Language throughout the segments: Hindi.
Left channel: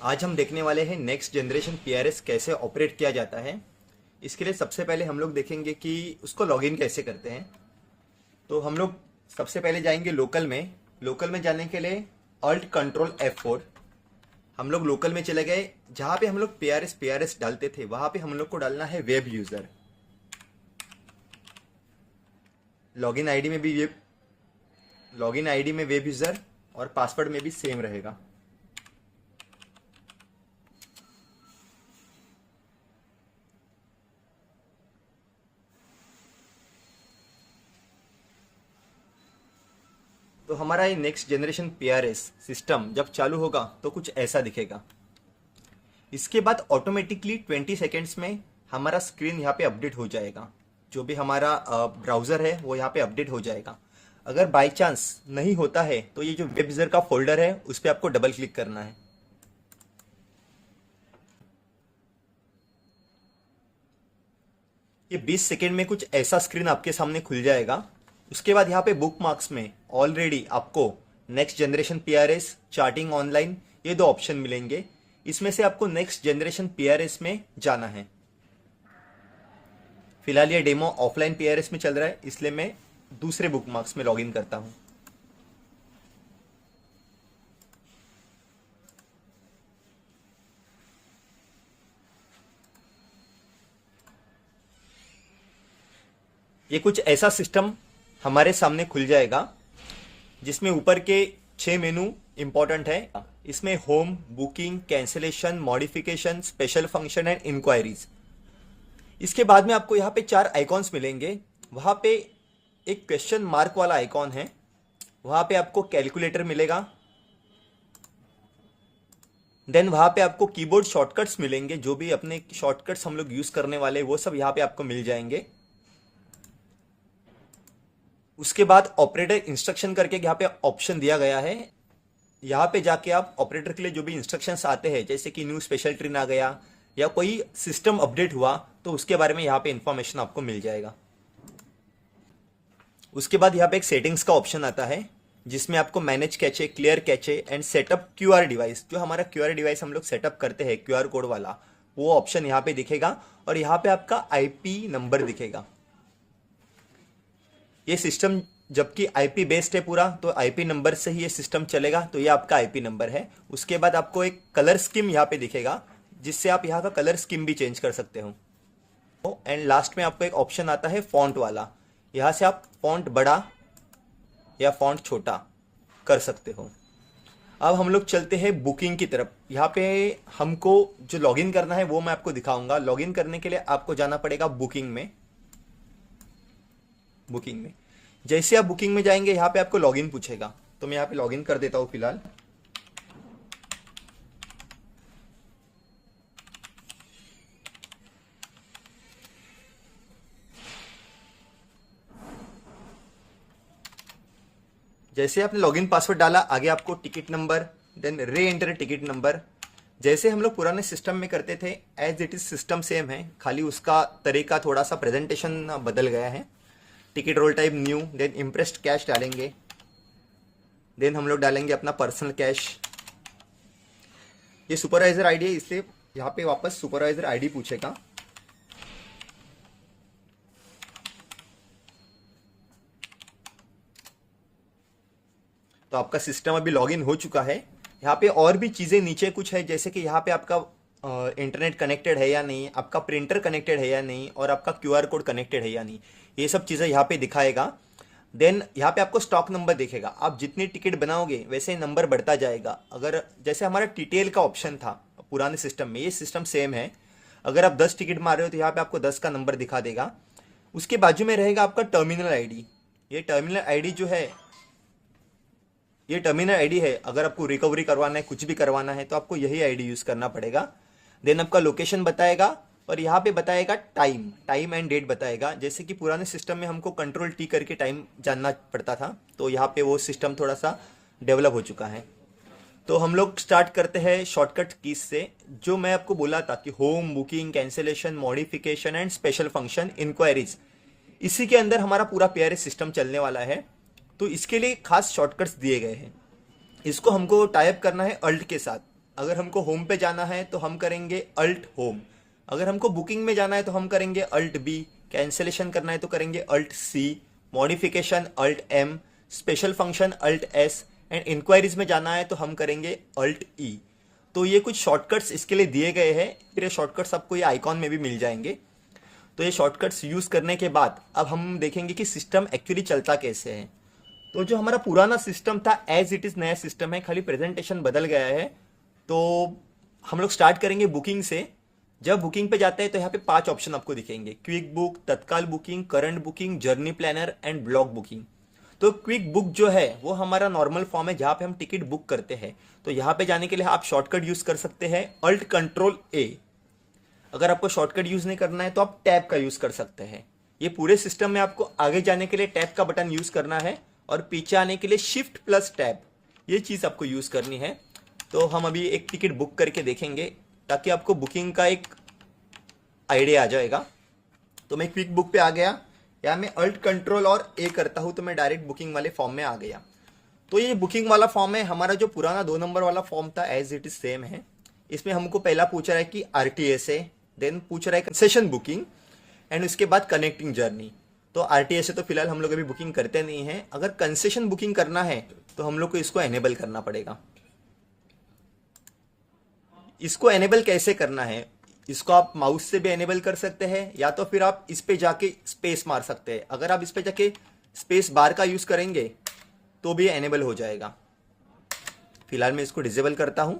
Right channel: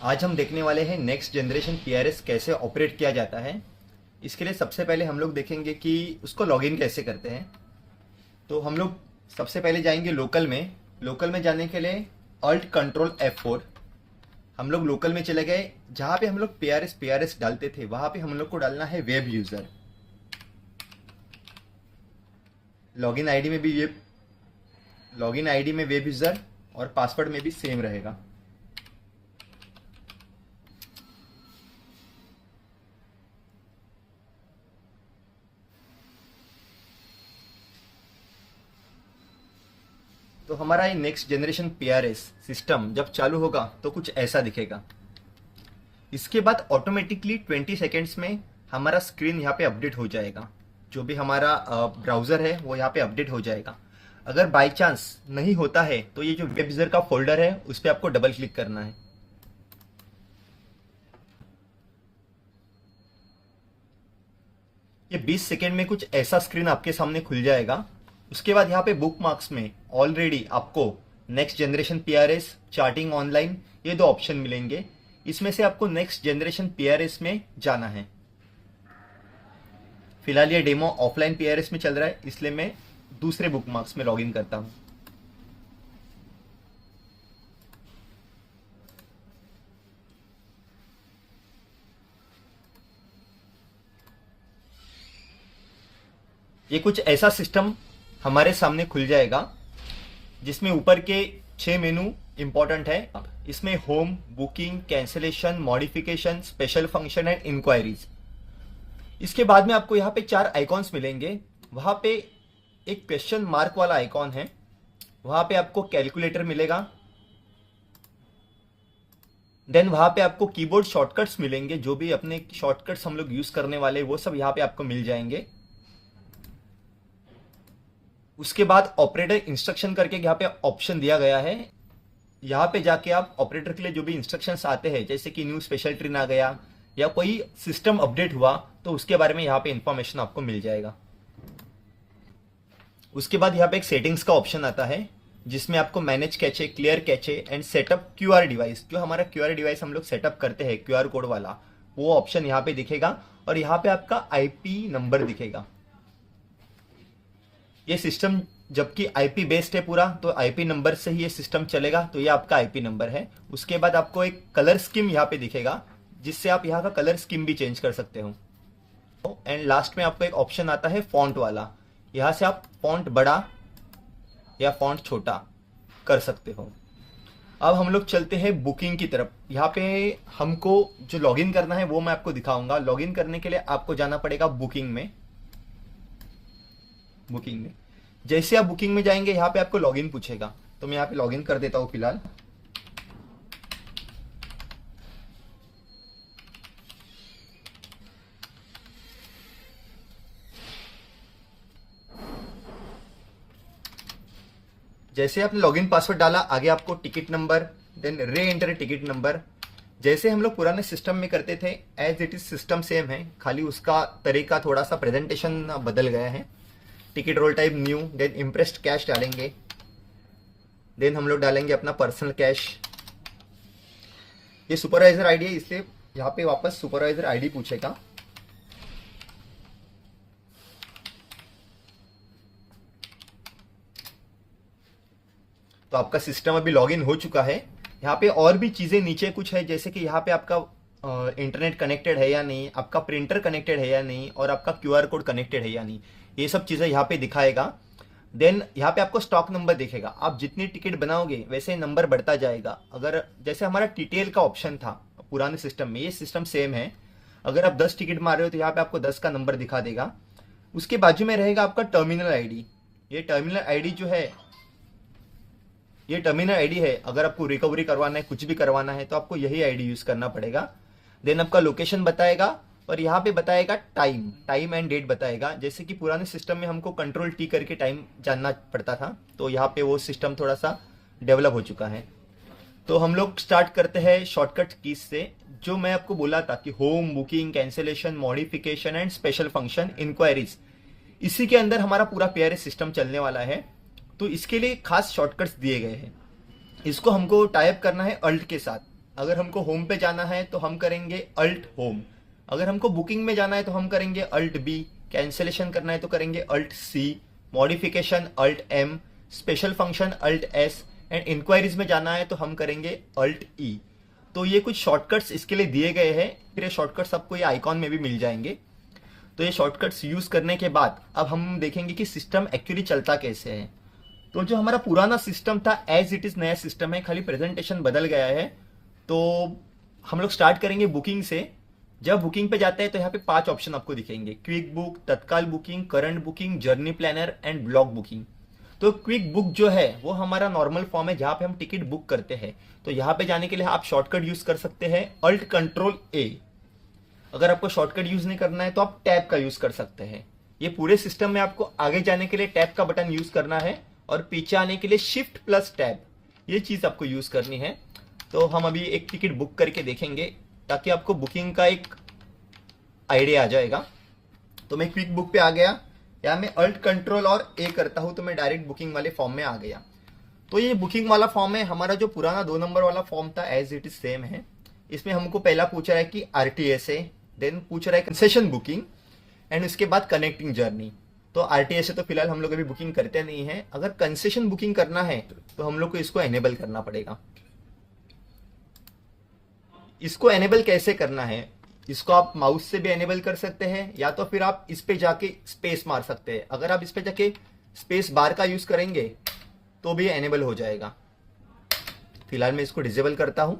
आज हम देखने वाले हैं नेक्स्ट जनरेशन पीआरएस कैसे ऑपरेट किया जाता है। इसके लिए सबसे पहले हम लोग देखेंगे कि उसको लॉगिन कैसे करते हैं। तो हम लोग सबसे पहले जाएंगे लोकल में जाने के लिए अल्ट कंट्रोल F4। हम लोग लोकल में चले गए, जहां पे हम लोग पीआरएस डालते थे वहां पे हम लोग को डालना है वेब यूजर। लॉगिन आईडी में वेब यूजर और पासवर्ड में भी सेम रहेगा। तो हमारा ये नेक्स्ट जनरेशन पीआरएस सिस्टम जब चालू होगा तो कुछ ऐसा दिखेगा। इसके बाद ऑटोमेटिकली 20 सेकेंड्स में हमारा स्क्रीन यहाँ पे अपडेट हो जाएगा। जो भी हमारा ब्राउजर है वो यहाँ पे अपडेट हो जाएगा। अगर बाय चांस नहीं होता है तो ये जो वेब यूजर का फोल्डर है उस पर आपको डबल क्लिक करना है। ये 20 सेकेंड में कुछ ऐसा स्क्रीन आपके सामने खुल जाएगा। उसके बाद यहाँ पे बुक मार्क्स में ऑलरेडी आपको next generation PRS, charting online, ये दो ऑप्शन मिलेंगे। इसमें से आपको नेक्स्ट जनरेशन पीआरएस में जाना है। फिलहाल ये डेमो ऑफलाइन पीआरएस में चल रहा है, इसलिए मैं दूसरे बुक मार्क्स में लॉगिन करता हूं। ये कुछ ऐसा सिस्टम हमारे सामने खुल जाएगा जिसमें ऊपर के 6 मेनू इंपॉर्टेंट है। इसमें home, booking, cancellation, modification, special function and inquiries. इसके बाद में आपको यहाँ पे 4 आइकॉन्स मिलेंगे। वहां पे एक क्वेश्चन मार्क वाला आइकॉन है, वहां पे आपको कैलकुलेटर मिलेगा। देन वहां पे आपको कीबोर्ड शॉर्टकट्स मिलेंगे। जो भी अपने शॉर्टकट्स हम लोग यूज करने वाले वो सब यहाँ पे आपको मिल जाएंगे। उसके बाद ऑपरेटर इंस्ट्रक्शन करके यहाँ पे ऑप्शन दिया गया है। यहाँ पे जाके आप ऑपरेटर के लिए जो भी इंस्ट्रक्शंस आते हैं, जैसे कि न्यू स्पेशल ट्रेन आ गया या कोई सिस्टम अपडेट हुआ, तो उसके बारे में यहाँ पे इंफॉर्मेशन आपको मिल जाएगा। उसके बाद यहाँ पे एक सेटिंग्स का ऑप्शन आता है जिसमें आपको manage cache, clear cache and setup QR device, जो हमारा क्यूआर डिवाइस हम लोग सेटअप करते हैं क्यूआर कोड वाला, वो ऑप्शन यहाँ पे दिखेगा। और यहाँ पे आपका आईपी नंबर दिखेगा। ये सिस्टम जबकि आईपी बेस्ड है पूरा, तो आईपी नंबर से ही ये सिस्टम चलेगा। तो ये आपका आईपी नंबर है। उसके बाद आपको एक कलर स्कीम यहाँ पे दिखेगा, जिससे आप यहाँ का कलर स्कीम भी चेंज कर सकते हो। एंड लास्ट में आपको एक ऑप्शन आता है फॉन्ट वाला। यहाँ से आप फॉन्ट बड़ा या फॉन्ट छोटा कर सकते हो। अब हम लोग चलते हैं बुकिंग की तरफ। यहाँ पे हमको जो लॉगिन करना है वो मैं आपको दिखाऊंगा। लॉगिन करने के लिए आपको जाना पड़ेगा बुकिंग में। जैसे आप बुकिंग में जाएंगे, यहाँ पे आपको लॉगिन पूछेगा, तो मैं यहाँ पे लॉगिन कर देता हूं फिलहाल। जैसे आपने लॉगिन पासवर्ड डाला, आगे आपको ticket number, then re-enter ticket number. जैसे हम लोग पुराने सिस्टम में करते थे, as it is system same है, खाली उसका तरीका थोड़ा सा प्रेजेंटेशन बदल गया है। Ticket roll type new, then imprest cash डालेंगे। देन हम लोग डालेंगे अपना पर्सनल कैश। ये सुपरवाइजर आईडी है, इसलिए यहाँ पे वापस सुपरवाइजर आईडी पूछेगा। तो आपका सिस्टम अभी लॉगिन हो चुका है। यहाँ पे और भी चीजें नीचे कुछ है, जैसे कि यहाँ पे आपका इंटरनेट कनेक्टेड है या नहीं, आपका प्रिंटर कनेक्टेड है या नहीं, और आपका क्यूआर कोड कनेक्टेड है या नहीं, ये सब चीजें यहाँ पे दिखाएगा। देन यहाँ पे आपको स्टॉक नंबर दिखेगा। आप जितनी टिकट बनाओगे वैसे नंबर बढ़ता जाएगा। अगर जैसे हमारा टीटीएल का ऑप्शन था पुराने सिस्टम में, ये सिस्टम सेम है। अगर आप 10 टिकट मार रहे हो तो यहाँ पे आपको 10 का नंबर दिखा देगा। उसके बाजू में रहेगा आपका टर्मिनल आईडी। ये टर्मिनल आईडी जो है, ये टर्मिनल आईडी है। अगर आपको रिकवरी करवाना है, कुछ भी करवाना है, तो आपको यही आईडी यूज करना पड़ेगा। देन आपका लोकेशन बताएगा और यहाँ पे बताएगा टाइम एंड डेट बताएगा। जैसे कि पुराने सिस्टम में हमको कंट्रोल टी करके टाइम जानना पड़ता था, तो यहाँ पे वो सिस्टम थोड़ा सा डेवलप हो चुका है। तो हम लोग स्टार्ट करते हैं शॉर्टकट कीज से। जो मैं आपको बोला था कि home, booking, cancellation, modification and special function, inquiries, इसी के अंदर हमारा पूरा पीआरएस सिस्टम चलने वाला है। तो इसके लिए खास शॉर्टकट्स दिए गए हैं। इसको हमको टाइप करना है अल्ट के साथ। अगर हमको होम पे जाना है तो हम करेंगे अल्ट होम। अगर हमको बुकिंग में जाना है तो हम करेंगे अल्ट बी। कैंसिलेशन करना है तो करेंगे alt C. Modification alt M. Special function alt S. And inquiries में जाना है तो हम करेंगे अल्ट ई। तो ये कुछ शॉर्टकट्स इसके लिए दिए गए हैं। फिर ये शॉर्टकट्स आपको ये आइकॉन में भी मिल जाएंगे। तो ये शॉर्टकट्स यूज करने के बाद अब हम देखेंगे कि सिस्टम एक्चुअली चलता कैसे है। तो जो हमारा पुराना सिस्टम था एज इट इज नया सिस्टम है, खाली प्रेजेंटेशन बदल गया है। तो हम लोग स्टार्ट करेंगे बुकिंग से। जब बुकिंग पे जाते हैं तो यहाँ पे 5 ऑप्शन आपको दिखेंगे, quick book, Tatkal booking, current booking, journey planner and block booking. तो क्विक बुक जो है वो हमारा नॉर्मल फॉर्म है जहां पे हम टिकट बुक करते हैं। तो यहाँ पे जाने के लिए आप शॉर्टकट यूज कर सकते हैं अल्ट कंट्रोल ए। अगर आपको शॉर्टकट यूज नहीं करना है तो आप टैब का यूज कर सकते हैं। ये पूरे सिस्टम में आपको आगे जाने के लिए टैब का बटन यूज करना है और पीछे आने के लिए शिफ्ट प्लस टैब, ये चीज आपको यूज करनी है। तो हम अभी एक टिकट बुक करके देखेंगे ताकि आपको बुकिंग का एक आइडिया आ जाएगा। तो मैं क्विक बुक पे आ गया, या मैं अल्ट कंट्रोल और ए करता हूं तो मैं डायरेक्ट बुकिंग वाले फॉर्म में आ गया। तो ये बुकिंग वाला फॉर्म है। हमारा जो पुराना 2 नंबर वाला फॉर्म था एज इट इज सेम है। इसमें हमको पहला पूछ रहा है कि आरटीएस है, देन पूछ रहा है कंसेशन बुकिंग एंड उसके बाद कनेक्टिंग जर्नी। तो आरटीएस है तो फिलहाल हम लोग अभी बुकिंग करते नहीं है। अगर कंसेशन बुकिंग करना है तो हम लोग को इसको एनेबल करना पड़ेगा। इसको एनेबल कैसे करना है, इसको आप माउस से भी एनेबल कर सकते हैं या तो फिर आप इस पे जाके स्पेस मार सकते हैं। अगर आप इस पे जाके स्पेस बार का यूज करेंगे तो भी एनेबल हो जाएगा। फिलहाल मैं इसको डिसेबल करता हूं।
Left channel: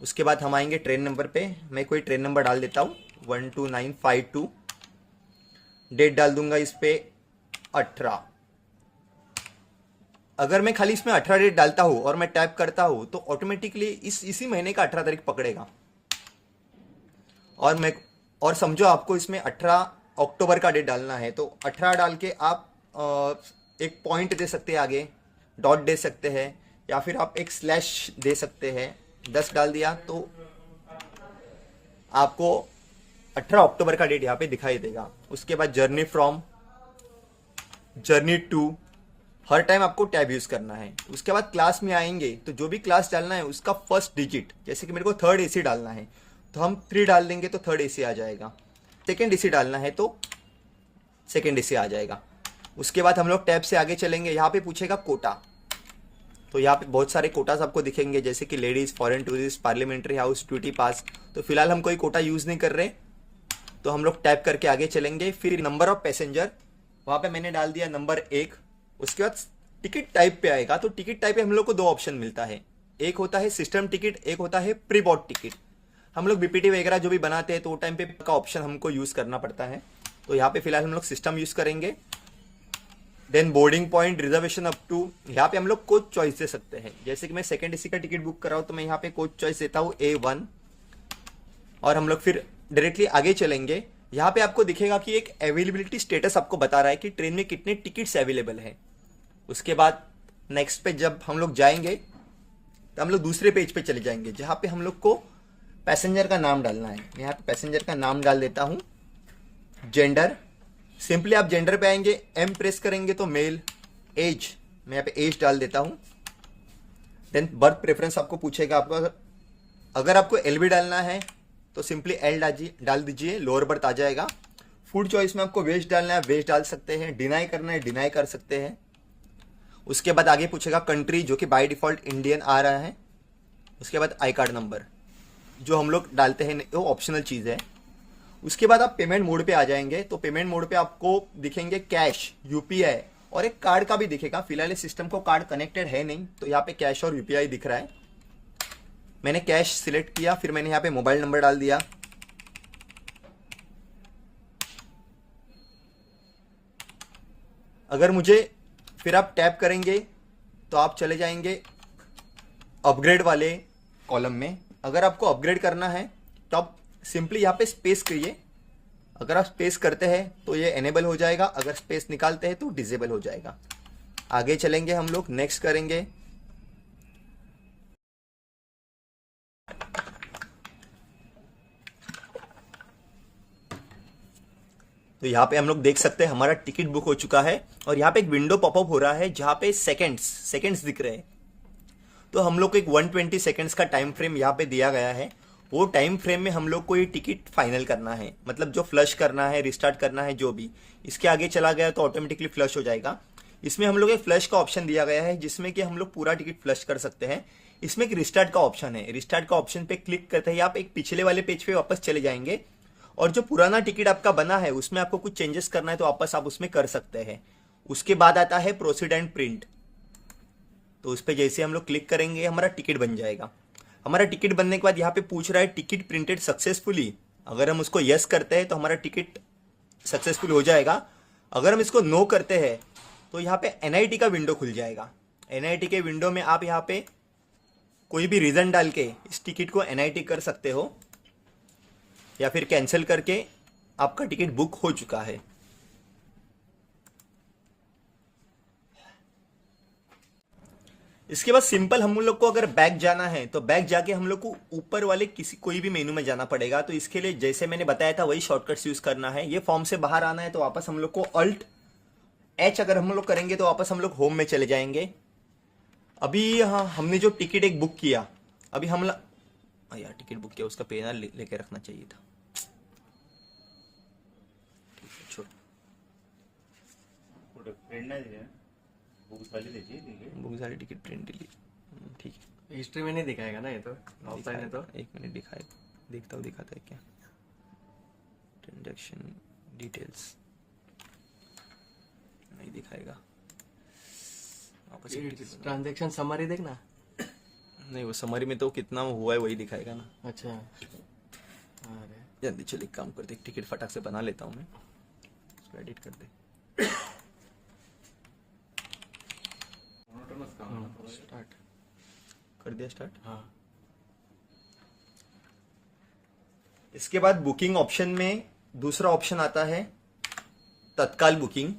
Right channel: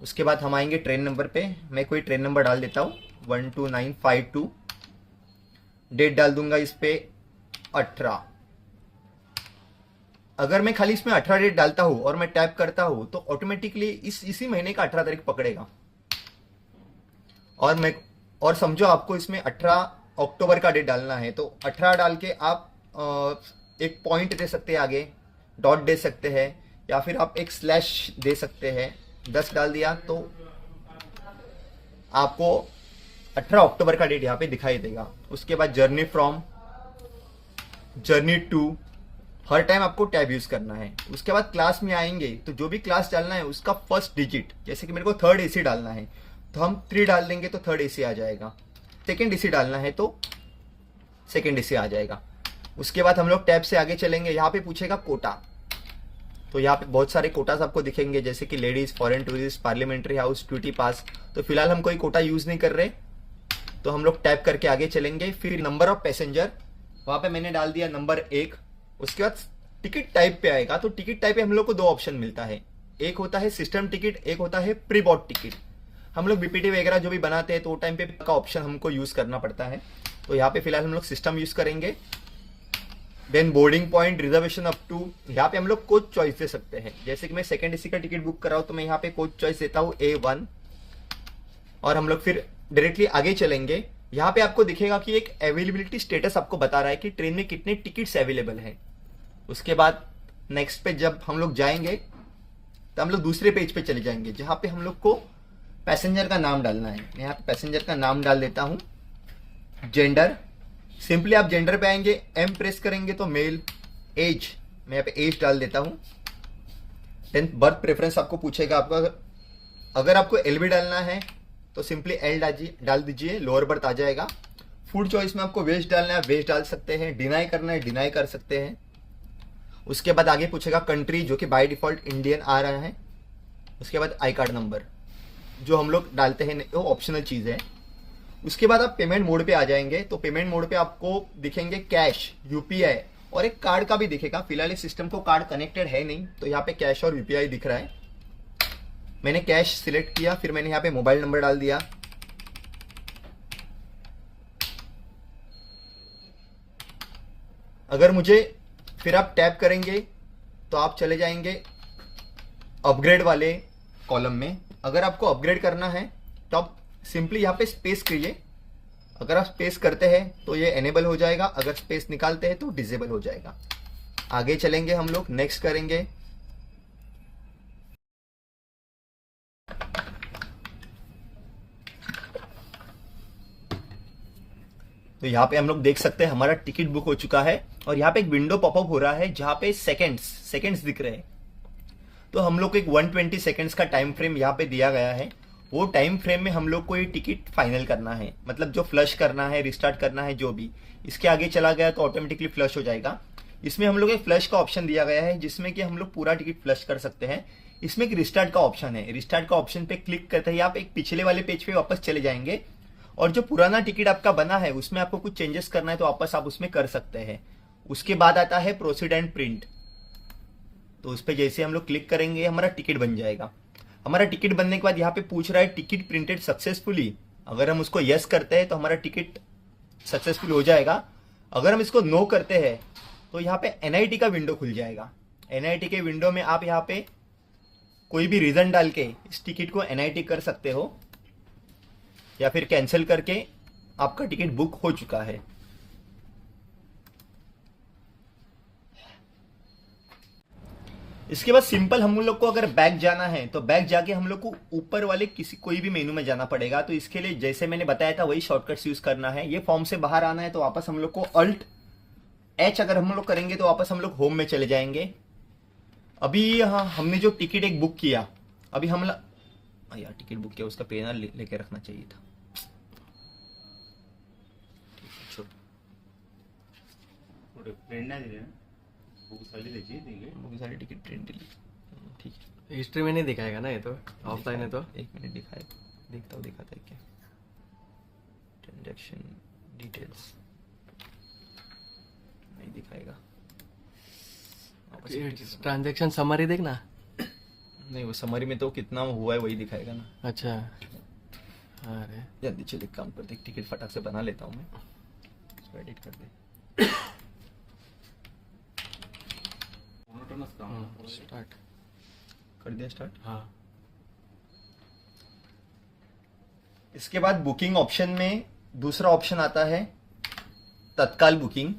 उसके बाद हम आएंगे ट्रेन नंबर पे। मैं कोई ट्रेन नंबर डाल देता हूं 12952। डेट डाल दूंगा इस पे 18। अगर मैं खाली इसमें 18 डेट डालता हूं और मैं टैप करता हूं तो ऑटोमेटिकली इसी महीने का 18 तारीख पकड़ेगा। और समझो आपको इसमें 18 अक्टूबर का डेट डालना है तो 18 डाल के आप एक पॉइंट दे सकते हैं, आगे डॉट दे सकते हैं, या फिर आप एक स्लैश दे सकते हैं। 10 डाल दिया तो आपको 18 अक्टूबर का डेट यहाँ पे दिखाई देगा। उसके बाद जर्नी फ्रॉम, जर्नी टू, हर टाइम आपको टैब यूज करना है। उसके बाद क्लास में आएंगे तो जो भी क्लास डालना है उसका फर्स्ट डिजिट, जैसे कि मेरे को 3rd AC डालना है तो हम 3 डाल देंगे तो 3rd AC आ जाएगा। 2nd AC डालना है तो 2nd AC आ जाएगा। उसके बाद हम लोग टैब से आगे चलेंगे। यहाँ पे पूछेगा कोटा, तो यहाँ पे बहुत सारे कोटास आपको दिखेंगे जैसे कि ladies, foreign tourist, parliamentary house, duty पास। तो फिलहाल हम कोई कोटा यूज नहीं कर रहे तो हम लोग टैप करके आगे चलेंगे। फिर नंबर ऑफ पैसेंजर, वहां पे मैंने डाल दिया नंबर 1। उसके बाद टिकट टाइप पे आएगा तो टिकट टाइप पे हम लोग को 2 ऑप्शन मिलता है, एक होता है सिस्टम टिकट, एक होता है प्री बॉट टिकट। हम लोग बीपीटी वगैरह जो भी बनाते हैं तो वो टाइम पे का ऑप्शन हमको यूज करना पड़ता है। तो यहाँ पे फिलहाल हम लोग सिस्टम यूज करेंगे। Then boarding point, reservation up to, यहाँ पे हम लोग कोच चॉइस दे सकते हैं। जैसे कि मैं 2nd AC का टिकट बुक कर रहा हूँ तो मैं यहाँ पे कोच चॉइस देता हूँ A1 और हम लोग फिर डायरेक्टली आगे चलेंगे। यहाँ पे आपको दिखेगा कि एक अवेलेबिलिटी स्टेटस आपको बता रहा है कि ट्रेन में कितने टिकट्स अवेलेबल है। उसके बाद नेक्स्ट पे जब हम लोग जाएंगे तो हम लोग दूसरे पेज पे चले जाएंगे जहां पे हम लोग को पैसेंजर का नाम डालना है। यहाँ पे पैसेंजर का नाम डाल देता हूं, जेंडर। सिंपली आप जेंडर पे आएंगे, M प्रेस करेंगे तो मेल। एज, मैं यहाँ पे एज डाल देता हूं। देन बर्थ प्रेफरेंस आपको पूछेगा आपका, अगर आपको LB डालना है तो सिंपली L डाल दीजिए, लोअर बर्थ आ जाएगा। फूड चॉइस में आपको वेज डालना है, वेज डाल सकते हैं। डिनाई करना है, डिनाई कर सकते हैं। उसके बाद आगे पूछेगा कंट्री, जो कि बाय डिफॉल्ट इंडियन आ रहा है। उसके बाद आई कार्ड नंबर जो हम लोग डालते हैं वो ऑप्शनल चीज है। उसके बाद आप पेमेंट मोड पे आ जाएंगे तो पेमेंट मोड पे आपको दिखेंगे कैश, UPI और एक कार्ड का भी दिखेगा। फिलहाल इस सिस्टम को कार्ड कनेक्टेड है नहीं तो यहाँ पे कैश और UPI दिख रहा है। मैंने कैश सिलेक्ट किया, फिर मैंने यहाँ पे मोबाइल नंबर डाल दिया। अगर मुझे, फिर आप टैप करेंगे तो आप चले जाएंगे अपग्रेड वाले कॉलम में। अगर आपको अपग्रेड करना है तो आप सिंपली यहाँ पे स्पेस करिए। अगर आप स्पेस करते हैं तो ये एनेबल हो जाएगा, अगर स्पेस निकालते हैं तो डिसेबल हो जाएगा। आगे चलेंगे हम लोग, नेक्स्ट करेंगे। तो यहाँ पे हम लोग देख सकते हैं हमारा टिकट बुक हो चुका है और यहाँ पे एक विंडो पॉपअप हो रहा है जहां पे सेकंड्स दिख रहे हैं। तो हम लोग को एक 120 सेकेंड्स का टाइम फ्रेम यहाँ पे दिया गया है। वो टाइम फ्रेम में हम लोग को ये टिकट फाइनल करना है, मतलब जो फ्लश करना है, रिस्टार्ट करना है, जो भी इसके आगे चला गया तो ऑटोमेटिकली फ्लश हो जाएगा। इसमें हम लोग एक फ्लश का ऑप्शन दिया गया है जिसमें कि हम लोग पूरा टिकट फ्लश कर सकते हैं। इसमें एक रिस्टार्ट का ऑप्शन है। रिस्टार्ट का ऑप्शन पे क्लिक करते ही आप एक पिछले वाले पेज पे वापस चले जाएंगे और जो पुराना टिकट आपका बना है उसमें आपको कुछ चेंजेस करना है तो वापस आप उसमें कर सकते हैं। उसके बाद आता है प्रोसीड एंड प्रिंट। तो उस पर जैसे हम लोग क्लिक करेंगे हमारा टिकट बन जाएगा। हमारा टिकट बनने के बाद यहाँ पे पूछ रहा है टिकट प्रिंटेड सक्सेसफुली। अगर हम उसको यस करते हैं तो हमारा टिकट सक्सेसफुल हो जाएगा। अगर हम इसको नो करते हैं तो यहाँ पे एनआईटी का विंडो खुल जाएगा। एनआईटी के विंडो में आप यहाँ पे कोई भी रीजन डाल के इस टिकट को एनआईटी कर सकते हो या फिर कैंसिल करके आपका टिकट बुक हो चुका है। इसके बाद सिंपल हम लोग को अगर बैक जाना है तो बैक जाके हम लोग को ऊपर वाले किसी कोई भी मेनू में जाना पड़ेगा। तो इसके लिए जैसे मैंने बताया था वही शॉर्टकट्स यूज करना है। ये फॉर्म से बाहर आना है तो वापस हम लोग को अल्ट एच अगर हम लोग करेंगे तो वापस हम लोग होम में चले जाएंगे। अभी हमने जो टिकट एक बुक किया, अभी हम यार टिकट बुक किया उसका पेन लेके रखना चाहिए था। प्रिंट नाही दिले बुक झाली त्याची ठीक आहे। बुक सारी टिकट प्रिंट दिली, ठीक है। हिस्ट्री में नहीं दिखाएगा ना ये तो, ऑफलाइन है तो। एक मिनट दिखाए, देखता हूँ दिखाता है क्या। ट्रांजैक्शन डिटेल्स नहीं दिखाएगा। ट्रांजैक्शन समरी देखना। नहीं, वो समरी में तो कितना हुआ है वही दिखाएगा ना। अच्छा, अरे जल्दी चल एक काम करते, टिकट फटाक से बना लेता हूँ मैं, उसको एडिट कर दे। स्टार्ट कर दिया स्टार्ट। हाँ, इसके बाद बुकिंग ऑप्शन में दूसरा ऑप्शन आता है तत्काल बुकिंग।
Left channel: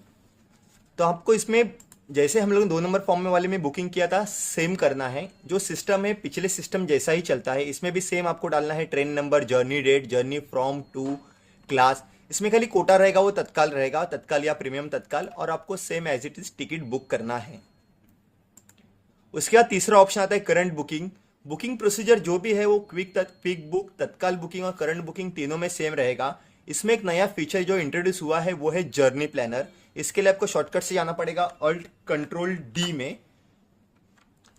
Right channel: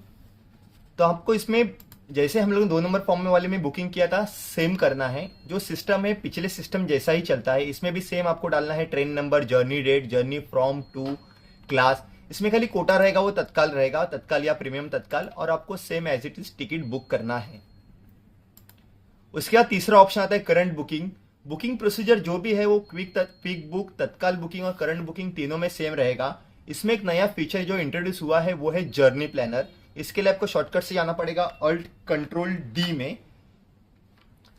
तो आपको इसमें जैसे हम लोग 2 नंबर फॉर्म में वाले में बुकिंग किया था सेम करना है। जो सिस्टम है पिछले सिस्टम जैसा ही चलता है, इसमें भी सेम आपको डालना है train number, journey date, journey from to class. इसमें खाली कोटा रहेगा वो तत्काल रहेगा, तत्काल या प्रीमियम तत्काल, और आपको same as it is ticket book करना है। उसके बाद तीसरा ऑप्शन आता है करंट बुकिंग। बुकिंग प्रोसीजर जो भी है वो क्विक बुक, तत्काल बुकिंग और करंट बुकिंग तीनों में सेम रहेगा। इसमें एक नया फीचर जो इंट्रोड्यूस हुआ है वो है जर्नी प्लानर। इसके लिए आपको शॉर्टकट से जाना पड़ेगा अल्ट कंट्रोल डी में।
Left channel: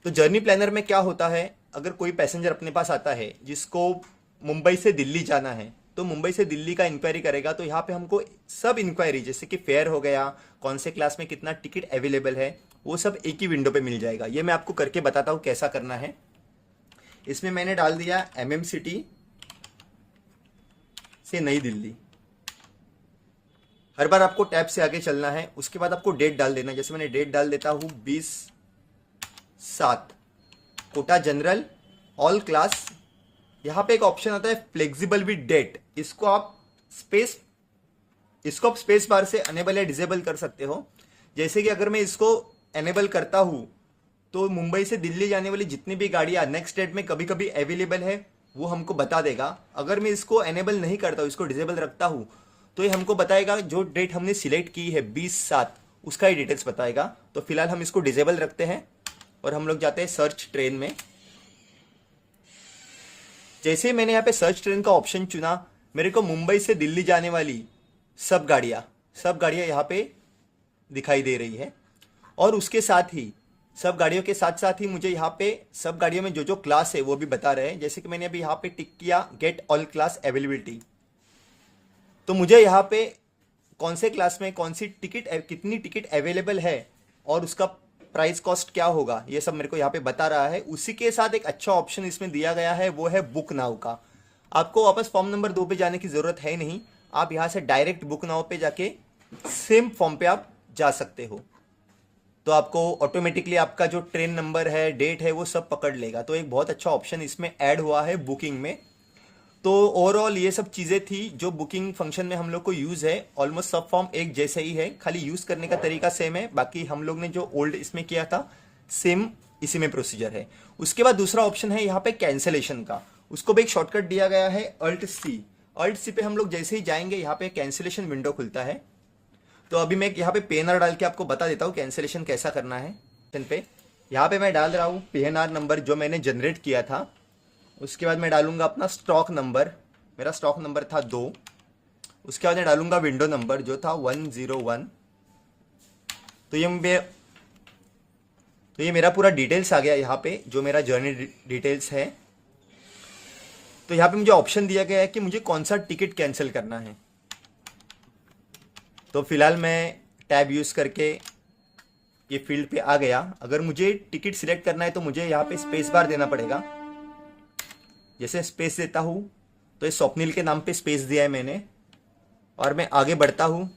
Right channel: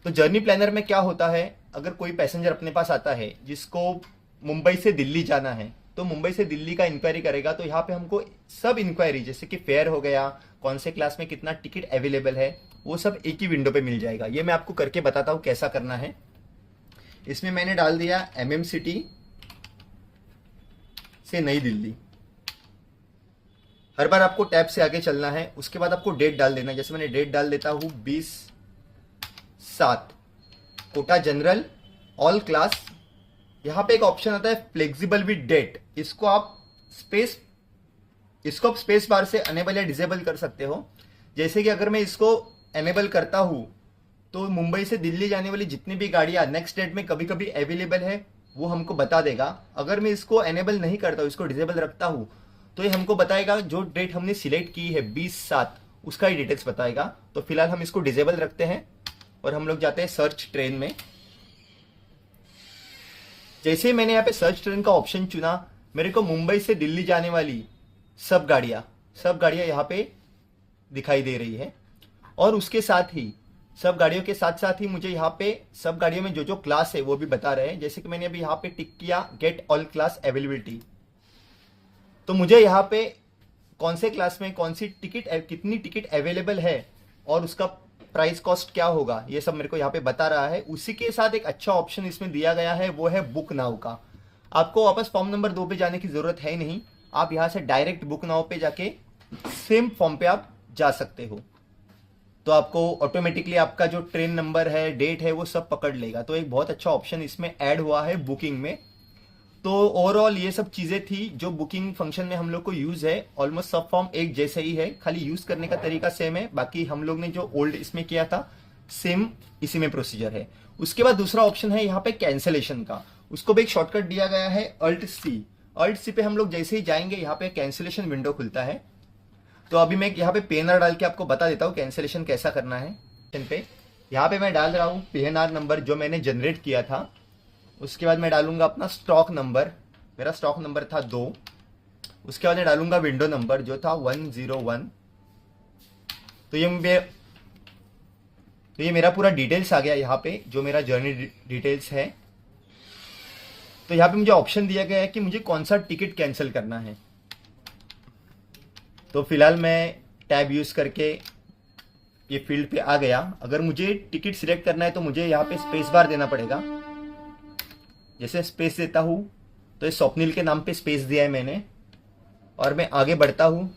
तो जर्नी प्लानर में क्या होता है, अगर कोई पैसेंजर अपने पास आता है जिसको मुंबई से दिल्ली जाना है तो मुंबई से दिल्ली का इंक्वायरी करेगा, तो यहाँ पे हमको सब इंक्वायरी जैसे कि फेयर हो गया, कौन से क्लास में कितना टिकट अवेलेबल है, वो सब एक ही विंडो पे मिल जाएगा। ये मैं आपको करके बताता हूँ कैसा करना है। इसमें मैंने डाल दिया MM सिटी से नई दिल्ली। हर बार आपको टैब से आगे चलना है। उसके बाद आपको डेट डाल देना है। जैसे मैंने डेट डाल देता हूं 20/7, कोटा जनरल, ऑल क्लास। यहां पे एक ऑप्शन आता है फ्लेक्सिबल विद डेट। इसको आप स्पेस बार से अनेबल या डिसेबल कर सकते हो। जैसे कि अगर मैं इसको एनेबल करता हूं तो मुंबई से दिल्ली जाने वाली जितनी भी गाड़ियां नेक्स्ट डेट में कभी कभी अवेलेबल है वो हमको बता देगा। अगर मैं इसको एनेबल नहीं करता हूं, इसको डिसेबल रखता हूं, तो ये हमको बताएगा जो डेट हमने सिलेक्ट की है 20/7 उसका ही डिटेल्स बताएगा। तो फिलहाल हम इसको डिसेबल रखते हैं और हम लोग जाते हैं सर्च ट्रेन में। जैसे मैंने यहाँ पे सर्च ट्रेन का ऑप्शन चुना, मेरे को मुंबई से दिल्ली जाने वाली सब गाड़ियां यहाँ पे दिखाई दे रही है। और उसके साथ ही सब गाड़ियों के साथ साथ ही मुझे यहाँ पे सब गाड़ियों में जो जो क्लास है वो भी बता रहे हैं। जैसे कि मैंने अभी यहाँ पे टिक किया गेट ऑल क्लास अवेलेबिलिटी, तो मुझे यहाँ पे कौन से क्लास में कौन सी टिकट, कितनी टिकट अवेलेबल है और उसका प्राइस कॉस्ट क्या होगा, ये सब मेरे को यहाँ पे बता रहा है। उसी के साथ एक अच्छा ऑप्शन इसमें दिया गया है वो है बुक नाउ का। आपको वापस फॉर्म नंबर 2 पे जाने की जरूरत है नहीं, आप यहाँ से डायरेक्ट बुक नाउ पे जाके सेम फॉर्म पे आप जा सकते हो। तो आपको ऑटोमेटिकली आपका जो ट्रेन नंबर है, डेट है, वो सब पकड़ लेगा। तो एक बहुत अच्छा ऑप्शन इसमें ऐड हुआ है बुकिंग में। तो ओवरऑल ये सब चीजें थी जो बुकिंग फंक्शन में हम लोग को यूज है। ऑलमोस्ट सब फॉर्म एक जैसे ही है, खाली यूज करने का तरीका सेम है। बाकी हम लोग ने जो ओल्ड इसमें किया था सेम इसी में प्रोसीजर है। उसके बाद दूसरा ऑप्शन है यहाँ पे कैंसिलेशन का। उसको भी एक शॉर्टकट दिया गया है अल्ट सी पे हम लोग जैसे ही जाएंगे यहाँ पे कैंसिलेशन विंडो खुलता है। तो अभी मैं यहाँ पे पेनर डाल के आपको बता देता हूँ कैंसिलेशन कैसा करना है। पे यहाँ पे मैं डाल रहा हूँ PNR नंबर जो मैंने जनरेट किया था। उसके बाद मैं डालूंगा अपना स्टॉक नंबर, मेरा स्टॉक नंबर था 2। उसके बाद मैं डालूंगा विंडो नंबर जो था 101। तो ये मेरा पूरा डिटेल्स आ गया यहाँ पे, जो मेरा जर्नी डिटेल्स है। तो यहाँ पे मुझे ऑप्शन दिया गया है कि मुझे कौन सा टिकट कैंसिल करना है। तो फिलहाल मैं टैब यूज करके ये फील्ड पे आ गया। अगर मुझे टिकट सिलेक्ट करना है तो मुझे यहाँ पे स्पेस बार देना पड़ेगा। जैसे स्पेस देता हूँ तो ये स्वप्निल के नाम पे स्पेस दिया है मैंने, और मैं आगे बढ़ता हूँ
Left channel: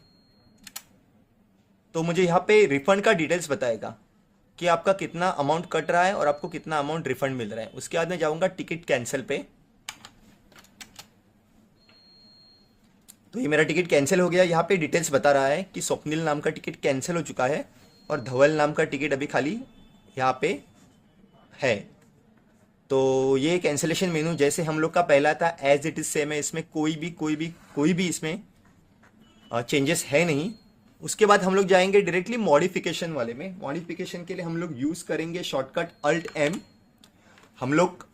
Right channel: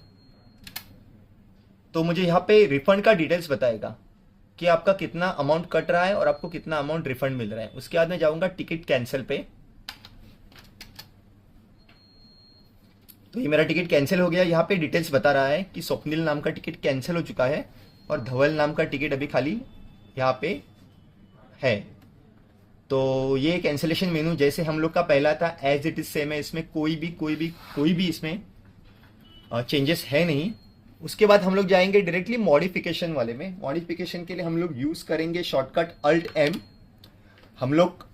तो मुझे यहाँ पे रिफंड का डिटेल्स बताएगा कि आपका कितना अमाउंट कट रहा है और आपको कितना अमाउंट रिफंड मिल रहा है। उसके बाद मैं जाऊंगा टिकट कैंसिल पे। तो ये मेरा टिकट कैंसिल हो गया। यहाँ पे डिटेल्स बता रहा है कि स्वप्निल नाम का टिकट कैंसिल हो चुका है और धवल नाम का टिकट अभी खाली यहाँ पे है। तो ये कैंसिलेशन मेनू जैसे हम लोग का पहला था एज इट इज सेम है, इसमें कोई भी इसमें चेंजेस है नहीं। उसके बाद हम लोग जाएंगे डायरेक्टली मॉडिफिकेशन वाले में। मॉडिफिकेशन के लिए हम लोग यूज करेंगे शॉर्टकट Alt+M। हम लोग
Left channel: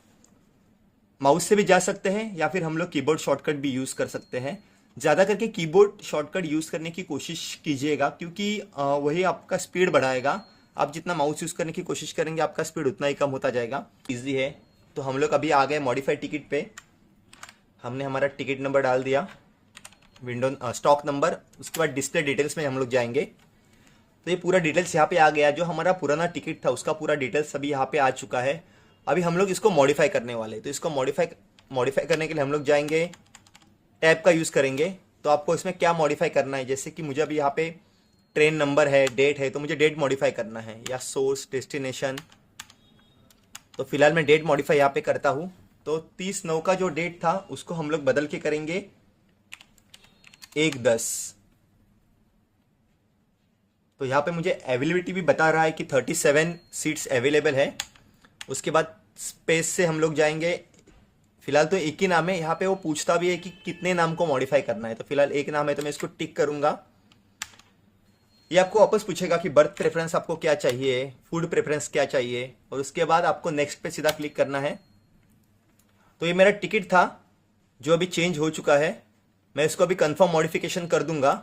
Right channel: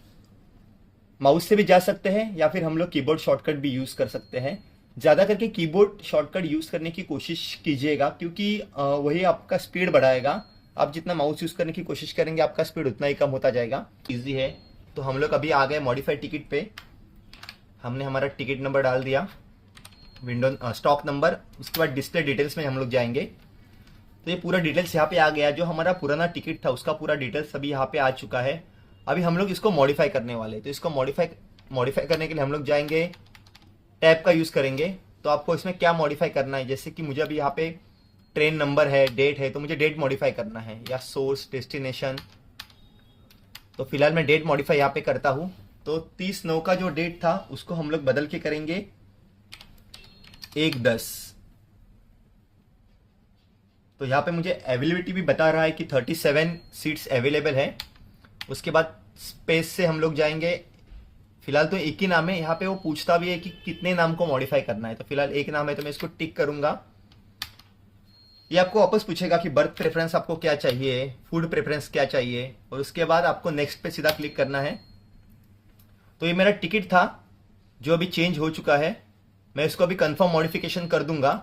माउस से भी जा सकते हैं या फिर हम लोग कीबोर्ड शॉर्टकट भी यूज कर सकते हैं। ज्यादा करके कीबोर्ड शॉर्टकट यूज करने की कोशिश कीजिएगा, क्योंकि वही आपका स्पीड बढ़ाएगा। आप जितना माउस यूज करने की कोशिश करेंगे आपका स्पीड उतना ही कम होता जाएगा। इजी है। तो हम लोग अभी आ गए मॉडिफाइड टिकट पे। हमने हमारा टिकट नंबर डाल दिया, विंडो स्टॉक नंबर। उसके बाद डिस्प्ले डिटेल्स में हम लोग जाएंगे। तो ये पूरा डिटेल्स यहाँ पे आ गया। जो हमारा पुराना टिकट था उसका पूरा डिटेल्स अभी यहाँ पे आ चुका है। अभी हम लोग इसको मॉडिफाई करने वाले। तो इसको मॉडिफाई करने के लिए हम लोग जाएंगे, टैब का यूज करेंगे। तो आपको इसमें क्या मॉडिफाई करना है, जैसे कि मुझे अभी यहाँ पे ट्रेन नंबर है, डेट है, तो मुझे डेट मॉडिफाई करना है, या सोर्स डेस्टिनेशन। तो फिलहाल मैं डेट मॉडिफाई यहाँ पे करता हूँ। तो 30/9 का जो डेट था उसको हम लोग बदल के करेंगे 1/10। तो यहाँ पे मुझे अवेलेबिलिटी भी बता रहा है कि 37 सीट्स अवेलेबल है। उसके बाद स्पेस से हम लोग जाएंगे। फिलहाल तो एक ही नाम है। यहाँ पे वो पूछता भी है कि कितने नाम को मॉडिफाई करना है। तो फिलहाल एक नाम है तो मैं इसको टिक करूंगा। ये आपको वापस पूछेगा कि बर्थ प्रेफरेंस आपको क्या चाहिए, फूड प्रेफरेंस क्या चाहिए, और उसके बाद आपको नेक्स्ट पे सीधा क्लिक करना है। तो ये मेरा टिकट था जो अभी चेंज हो चुका है। मैं इसको अभी कंफर्म मॉडिफिकेशन कर दूंगा।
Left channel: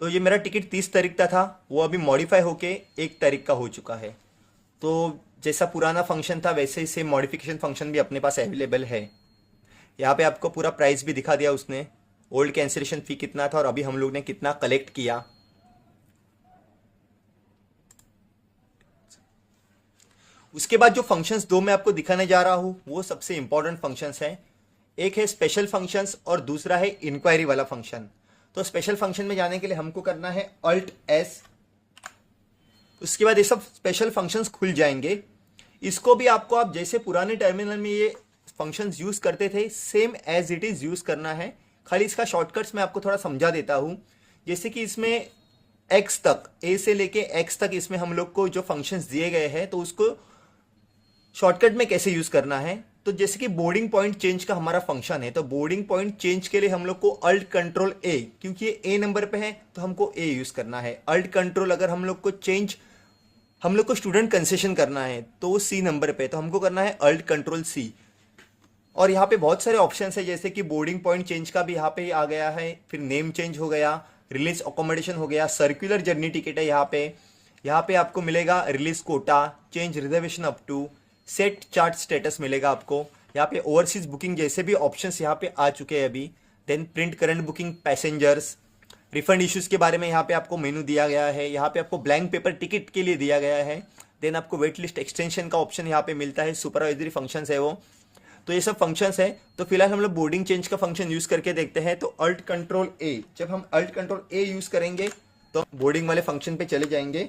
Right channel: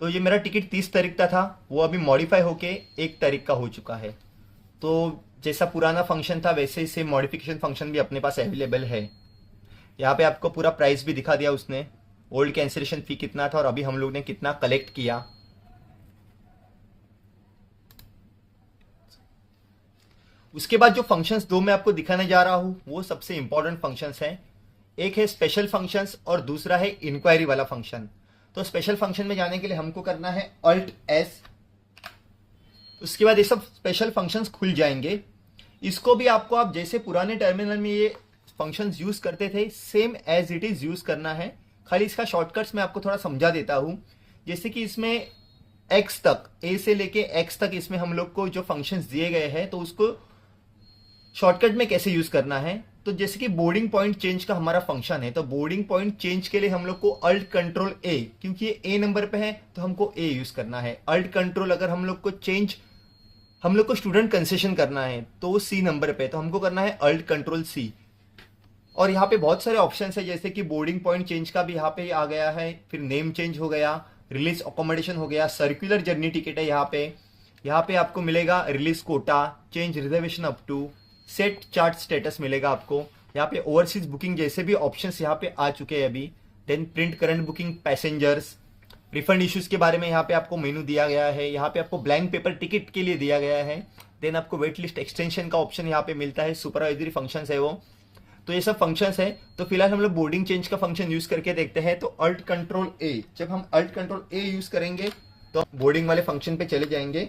तो ये मेरा टिकट 30 तारीख का था, वो अभी मॉडिफाई होके 1 तारीख का हो चुका है। तो जैसा पुराना फंक्शन था वैसे ही सेम मॉडिफिकेशन फंक्शन भी अपने पास अवेलेबल है। यहाँ पे आपको पूरा प्राइस भी दिखा दिया उसने, ओल्ड कैंसिलेशन फी कितना था और अभी हम लोग ने कितना कलेक्ट किया। उसके बाद जो फंक्शंस दो मैं आपको दिखाने जा रहा हूं वो सबसे इंपॉर्टेंट फंक्शंस हैं। एक है स्पेशल फंक्शंस और दूसरा है इंक्वायरी वाला फंक्शन। तो स्पेशल फंक्शन में जाने के लिए हमको करना है Alt+S। उसके बाद ये सब स्पेशल फंक्शंस खुल जाएंगे। इसको भी आपको आप जैसे पुराने टर्मिनल में ये फंक्शंस यूज करते थे same as it is use करना है। खाली इसका शॉर्टकट्स मैं आपको थोड़ा समझा देता हूं। जैसे कि इसमें x तक, a से लेके x तक इसमें हम लोग को जो फंक्शंस दिए गए हैं तो उसको शॉर्टकट में कैसे यूज करना है। तो जैसे कि बोर्डिंग पॉइंट चेंज का हमारा फंक्शन है, तो बोर्डिंग पॉइंट चेंज के लिए हम लोग को Alt+Ctrl+A, क्योंकि ये A नंबर पे है तो हमको A यूज करना है। Alt+Ctrl अगर हम लोग को स्टूडेंट कंसेशन करना है तो वो C नंबर पे, तो हमको करना है Alt+Ctrl+C। और यहाँ पे बहुत सारे ऑप्शन है, जैसे कि बोर्डिंग पॉइंट चेंज का भी यहाँ पे आ गया है, फिर नेम चेंज हो गया, रिलीज अकोमोडेशन हो गया, सर्कुलर जर्नी टिकट है यहाँ पे आपको मिलेगा release quota, change reservation up to, set chart status मिलेगा आपको। यहाँ पे ओवरसीज बुकिंग जैसे भी ऑप्शंस यहाँ पे आ चुके हैं अभी। Then print current booking, passengers, refund issues के बारे में यहाँ पे आपको मेनू दिया गया है। यहाँ पे आपको ब्लैंक पेपर टिकट के लिए दिया गया है। देन आपको वेट लिस्ट एक्सटेंशन का ऑप्शन यहाँ पे मिलता है, सुपरवाइजरी फंक्शंस है वो। तो ये सब फंक्शंस है। तो फिलहाल हम लोग बोर्डिंग चेंज का फंक्शन यूज करके देखते हैं। तो Alt+Ctrl+A, जब हम Alt+Ctrl+A यूज करेंगे तो बोर्डिंग वाले फंक्शन पे चले जाएंगे।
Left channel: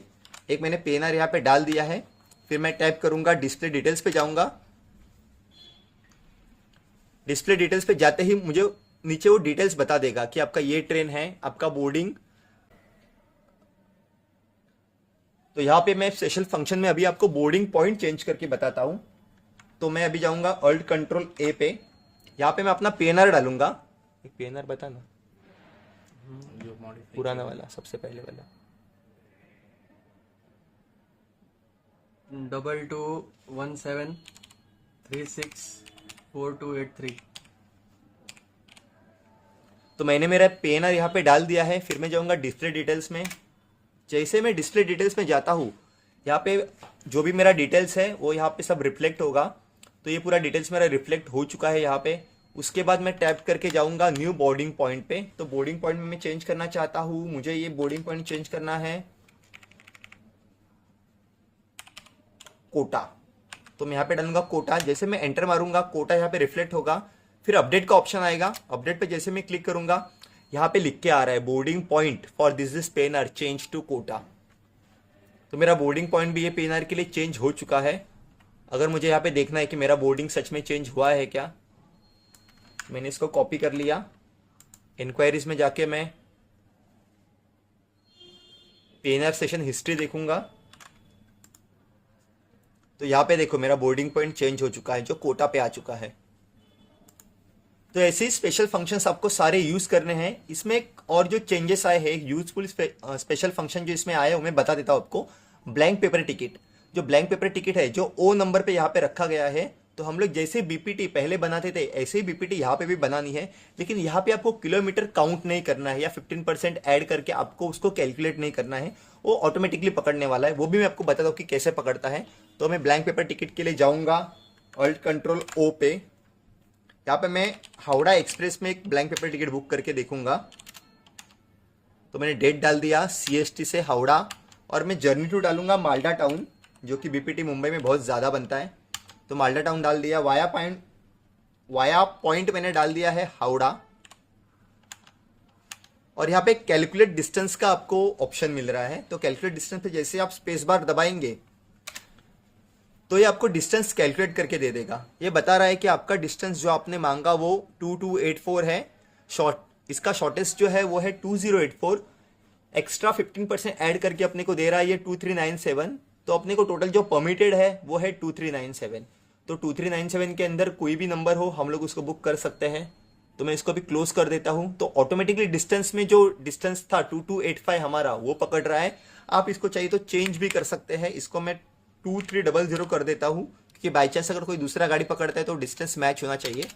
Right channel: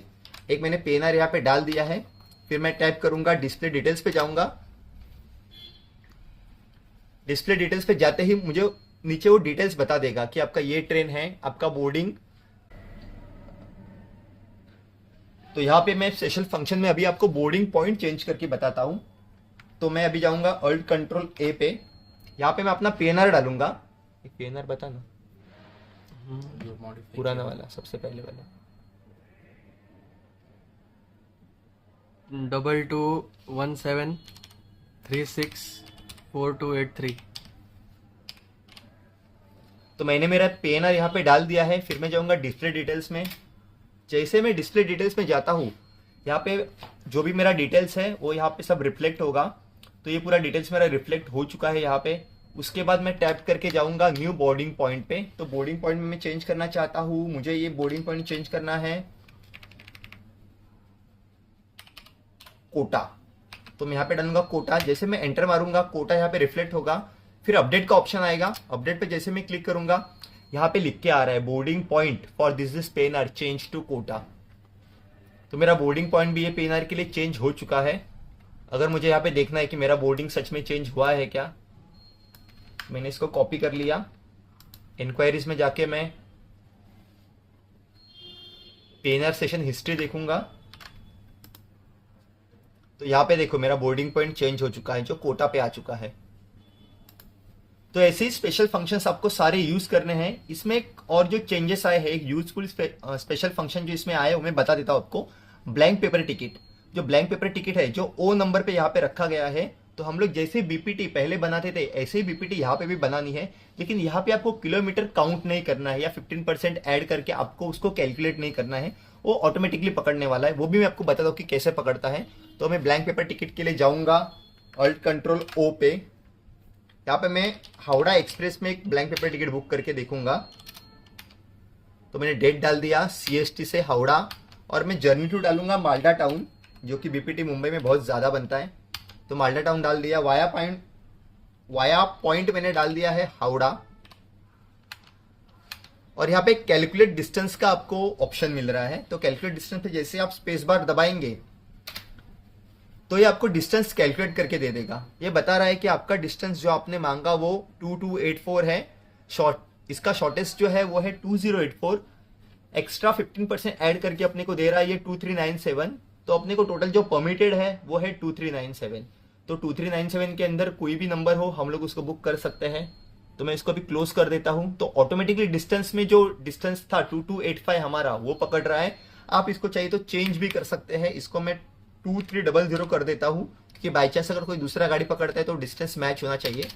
एक मैंने PNR यहाँ पे डाल दिया है। फिर मैं टैप करूंगा, डिस्प्ले डिटेल्स पे जाऊंगा। डिस्प्ले डिटेल्स पे जाते ही मुझे नीचे वो डिटेल्स बता देगा कि आपका ये ट्रेन है, आपका बोर्डिंग। तो यहाँ पे मैं स्पेशल फंक्शन में अभी आपको बोर्डिंग पॉइंट चेंज करके बताता हूं। तो मैं अभी जाऊंगा Alt+Ctrl+A पे। यहाँ पे मैं अपना PNR डालूंगा। एक PNR बता ना, जो मॉडिफाई पुराना वाला, सबसे पहले वाला। 2217364283। तो मैंने मेरा पेनर यहाँ पे डाल दिया है। फिर मैं जाऊँगा डिस्प्ले डिटेल्स में। जैसे मैं डिस्प्ले डिटेल्स में जाता हूँ, यहाँ पे जो भी मेरा डिटेल्स है वो यहाँ पे सब रिफ्लेक्ट होगा। तो ये पूरा डिटेल्स मेरा रिफ्लेक्ट हो चुका है यहाँ पे। उसके बाद मैं टैप करके जाऊँगा न्यू बोर्डिंग पॉइंट पे। तो बोर्डिंग पॉइंट में मैं चेंज करना चाहता हूँ, मुझे ये बोर्डिंग पॉइंट चेंज करना है कोटा। तो मैं यहाँ पे डालूंगा कोटा। जैसे मैं एंटर मारूंगा, कोटा यहाँ पे रिफ्लेक्ट होगा। फिर अपडेट का ऑप्शन आएगा। अपडेट पे जैसे मैं क्लिक करूंगा, यहाँ पे लिख के आ रहा है boarding point for this PNR change to quota. तो मेरा बोर्डिंग पॉइंट भी ये पेन आर के लिए चेंज हो चुका है। अगर मुझे यहाँ पे देखना है कि मेरा बोर्डिंग सच में चेंज हुआ है क्या, मैंने इसको कॉपी कर लिया। इंक्वायरीज में जाके मैं पेनर सेशन हिस्ट्री देखूंगा। तो यहाँ पे देखो मेरा बोर्डिंग पॉइंट चेंज हो चुका है, जो कोटा पे आ चुका है। तो ऐसे ही स्पेशल फंक्शंस आपको सारे यूज करने हैं। इसमें एक और जो चेंजेस आए हैं, एक यूजफुल स्पेशल फंक्शन जो इसमें आया है वो मैं बता देता हूँ आपको। ब्लैंक पेपर टिकट, जो ब्लैंक पेपर टिकट है जो ओ नंबर पे यहाँ पे रखा गया है। तो हम लोग जैसे बीपीटी पहले बनाते थे ऐसे ही बीपीटी यहाँ पे भी बनानी है। लेकिन यहाँ पे आपको किलोमीटर काउंट नहीं करना है या 15% ऐड करके आपको उसको कैलकुलेट नहीं करना है, वो ऑटोमेटिकली पकड़ने वाला है। वो भी मैं आपको बता दूँ कि कैसे पकड़ता है। तो मैं ब्लैंक पेपर टिकट के लिए जाऊंगा ऑल्ट कंट्रोल ओ पे। यहाँ पे मैं हावड़ा एक्सप्रेस में एक ब्लैंक पेपर टिकट बुक करके देखूंगा। तो मैंने डेट डाल दिया सीएसटी से हावड़ा, और मैं जर्नी टू डालूंगा माल्डा टाउन, जो कि बीपीटी मुंबई में बहुत ज़्यादा बनता है। तो माल्डा टाउन डाल दिया। वाया पॉइंट मैंने डाल दिया है हावड़ा। और यहाँ पे कैलकुलेट डिस्टेंस का आपको ऑप्शन मिल रहा है। तो कैलकुलेट डिस्टेंस पे जैसे आप स्पेस बार दबाएंगे तो ये आपको डिस्टेंस कैलकुलेट करके दे देगा। ये बता रहा है कि आपका डिस्टेंस जो आपने मांगा वो 2284 है। इसका शॉर्टेस्ट जो है वो है 2084। एक्स्ट्रा 15% ऐड करके अपने को दे रहा है ये 2397। तो अपने को टोटल जो परमिटेड है वो है 2397। तो 2397 के अंदर कोई भी नंबर हो हम लोग उसको बुक कर सकते हैं। तो मैं इसको भी क्लोज कर देता हूं। तो ऑटोमेटिकली डिस्टेंस में जो डिस्टेंस था 2285 हमारा वो पकड़ रहा है। आप इसको चाहिए तो चेंज भी कर सकते हैं। इसको मैं 2300 कर देता हूं, क्योंकि बाई चांस अगर कोई दूसरा गाड़ी पकड़ता है तो डिस्टेंस मैच होना चाहिए।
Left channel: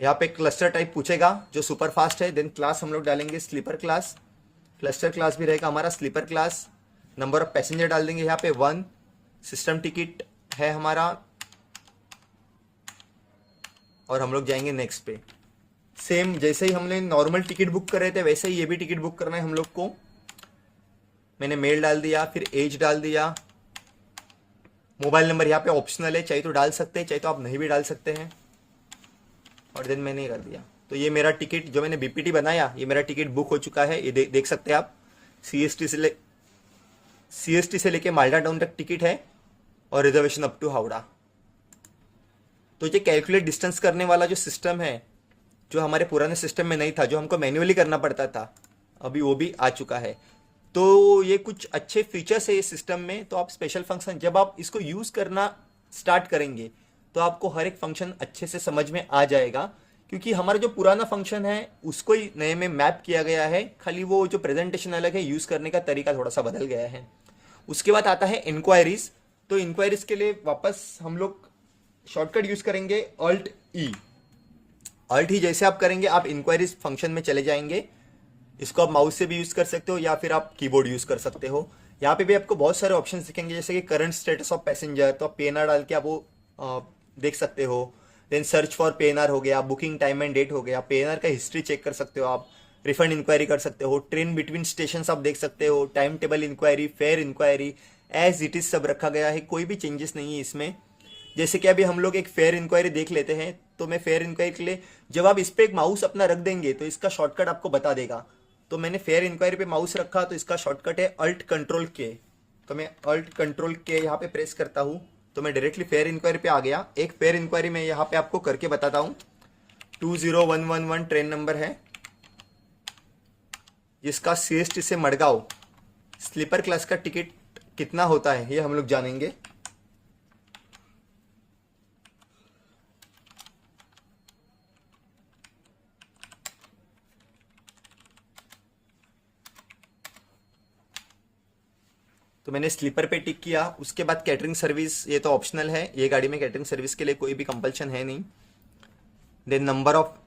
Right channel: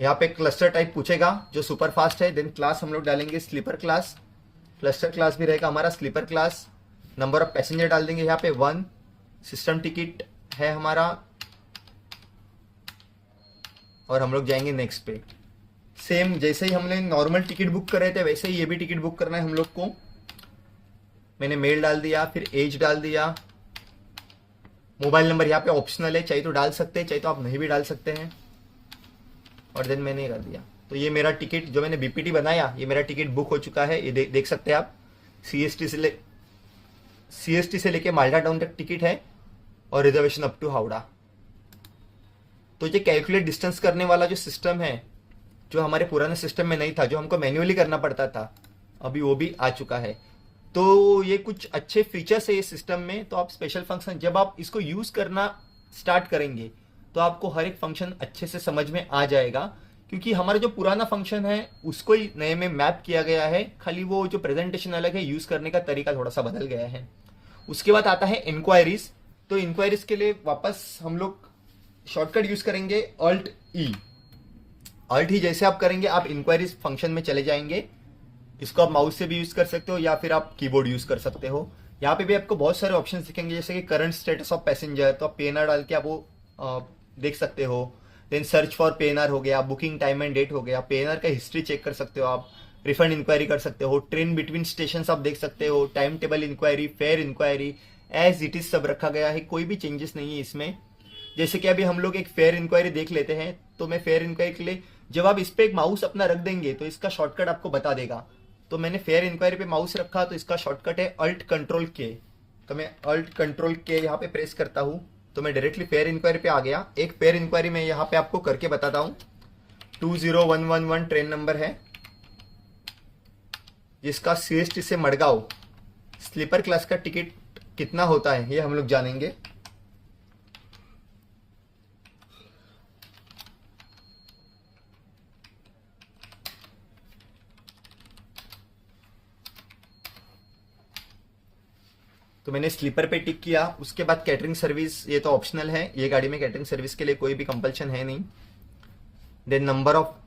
यहाँ पे क्लस्टर टाइप पूछेगा जो सुपर फास्ट है। देन क्लास हम लोग डालेंगे स्लीपर क्लास। क्लस्टर क्लास भी रहेगा हमारा sleeper class. Number of passenger डाल देंगे यहाँ पे 1। सिस्टम टिकट है हमारा, और हम लोग जाएंगे नेक्स्ट पे। सेम जैसे ही हमने नॉर्मल टिकट बुक कर रहे थे वैसे ही ये भी टिकट बुक करना है हम लोग को। मैंने मेल डाल दिया, फिर एज डाल दिया। मोबाइल नंबर यहाँ पे ऑप्शनल है, चाहिए तो डाल सकते हैं, चाहिए तो आप नहीं भी डाल सकते हैं। और देन मैंने कर दिया। तो ये मेरा टिकट जो मैंने बीपीटी बनाया, ये मेरा टिकट बुक हो चुका है। ये देख सकते हैं आप। सीएसटी से लेके माल्डा टाउन तक टिकट है, और रिजर्वेशन अप टू हावड़ा। तो ये कैलकुलेट डिस्टेंस करने वाला जो सिस्टम है, जो हमारे पुराने सिस्टम में नहीं था, जो हमको मैन्युअली करना पड़ता था, अभी वो भी आ चुका है। तो ये कुछ अच्छे फीचर्स है इस सिस्टम में। तो आप स्पेशल फंक्शन जब आप इसको यूज करना स्टार्ट करेंगे तो आपको हर एक फंक्शन अच्छे से समझ में आ जाएगा, क्योंकि हमारा जो पुराना फंक्शन है उसको ही नए में मैप किया गया है। खाली वो जो प्रेजेंटेशन अलग है, यूज करने का तरीका थोड़ा सा बदल गया है। उसके बाद आता है इंक्वायरीज। तो इंक्वायरीज के लिए वापस हम लोग शॉर्टकट यूज करेंगे ऑल्ट ई। ऑल्ट ई जैसे आप करेंगे आप इंक्वायरीज फंक्शन में चले जाएंगे। इसको आप माउस से भी यूज कर सकते हो या फिर आप कीबोर्ड यूज कर सकते हो। यहाँ पे भी आपको बहुत सारे ऑप्शन दिखेंगे, जैसे कि करंट स्टेटस ऑफ पैसेंजर। तो आप पीएनआर डाल के आप वो देख सकते हो। देन सर्च फॉर पीएनआर हो गया, बुकिंग टाइम एंड डेट हो गया, पीएनआर का हिस्ट्री चेक कर सकते हो आप, रिफंड इंक्वायरी कर सकते हो, ट्रेन बिटवीन स्टेशन आप देख सकते हो, time table inquiry, fare inquiry, as it is सब रखा गया है। कोई भी चेंजेस नहीं है इसमें। जैसे कि अभी हम लोग एक फेयर इंक्वायरी देख लेते हैं। तो मैं फेयर इंक्वायरी के लिए जब आप इस पर एक माउस अपना रख देंगे तो इसका शॉर्टकट आपको बता देगा। तो मैंने फेयर इंक्वायरी पे माउस रखा, तो इसका शॉर्टकट है अल्ट कंट्रोल के। तो मैं अल्ट कंट्रोल के यहाँ पे प्रेस करता हूँ तो मैं डायरेक्टली फेयर इंक्वायरी पे आ गया। एक फेयर इंक्वायरी मैं यहाँ पे आपको करके बताता हूँ। 20111 ट्रेन नंबर है, जिसका सीएसटी से मडगांव स्लीपर क्लास का टिकट कितना होता है ये हम लोग जानेंगे। तो तो मैंने स्लीपर पे टिक किया। उसके बाद कैटरिंग सर्विस, ये तो ऑप्शनल है, ये गाड़ी में कैटरिंग सर्विस के लिए कोई भी कंपल्शन है नहीं। देन नंबर ऑफ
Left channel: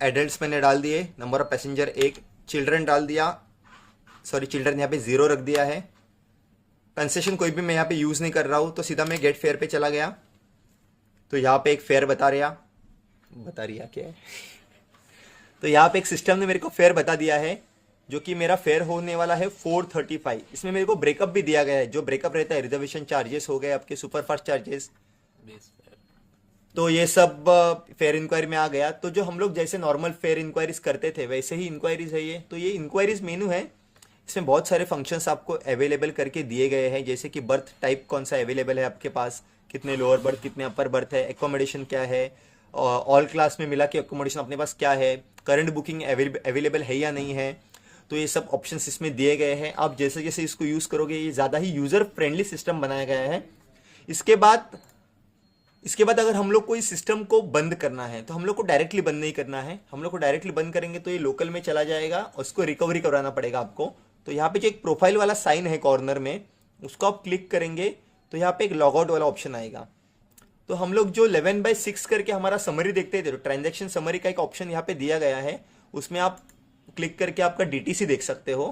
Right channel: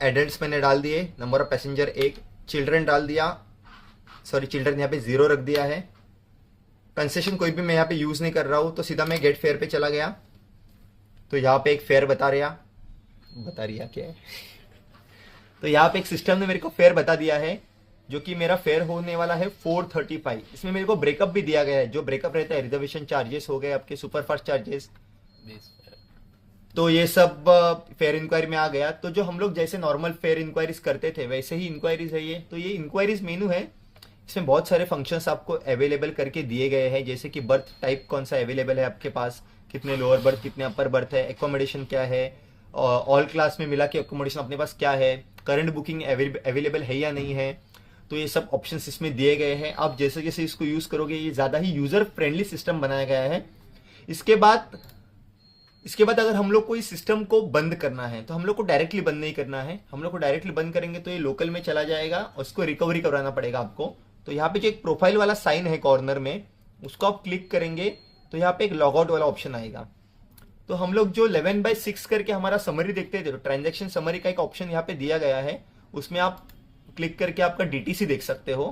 एडल्ट्स मैंने डाल दिए, नंबर ऑफ पैसेंजर 1, चिल्ड्रन डाल दिया, सॉरी चिल्ड्रन यहाँ पे 0 रख दिया है। कंसेशन कोई भी मैं यहाँ पे यूज़ नहीं कर रहा हूँ, तो सीधा मैं गेट फेयर पे चला गया। तो यहाँ पे एक फेयर बता रहा क्या है तो यहाँ पे एक सिस्टम ने मेरे को फेयर बता दिया है, जो कि मेरा फेयर होने वाला है 435। इसमें मेरे को ब्रेकअप भी दिया गया है, जो ब्रेकअप रहता है रिजर्वेशन चार्जेस हो गए, आपके सुपरफास्ट चार्जेस, तो ये सब फेयर इंक्वायरी में आ गया। तो जो हम लोग जैसे नॉर्मल फेयर इंक्वायरीज करते थे वैसे ही इंक्वायरीज है ये। तो ये इंक्वायरीज मेनू है, इसमें बहुत सारे फंक्शंस आपको अवेलेबल करके दिए गए हैं, जैसे कि बर्थ टाइप कौन सा अवेलेबल है आपके पास, कितने लोअर बर्थ कितने अपर बर्थ है, एकोमोडेशन क्या है, ऑल क्लास में मिला के एकोमोडेशन अपने पास क्या है, करंट बुकिंग अवेलेबल है या नहीं है। तो ये सब ऑप्शंस इसमें दिए गए हैं। आप जैसे जैसे इसको यूज़ करोगे ये ज़्यादा ही यूज़र फ्रेंडली सिस्टम बनाया गया है। इसके बाद अगर हम लोग को इस सिस्टम को बंद करना है तो हम लोग को डायरेक्टली बंद नहीं करना है। हम लोग को डायरेक्टली बंद करेंगे तो ये लोकल में चला जाएगा, उसको रिकवरी करवाना पड़ेगा आपको। तो यहाँ पे जो एक प्रोफाइल वाला साइन है कॉर्नर में, उसको आप क्लिक करेंगे तो यहाँ पे एक लॉग आउट वाला ऑप्शन आएगा। तो हम लोग जो 11/6 करके हमारा समरी देखते थे, तो ट्रांजेक्शन समरी का एक ऑप्शन यहाँ पे दिया गया है, उसमें आप क्लिक करके आपका डीटीसी देख सकते हो।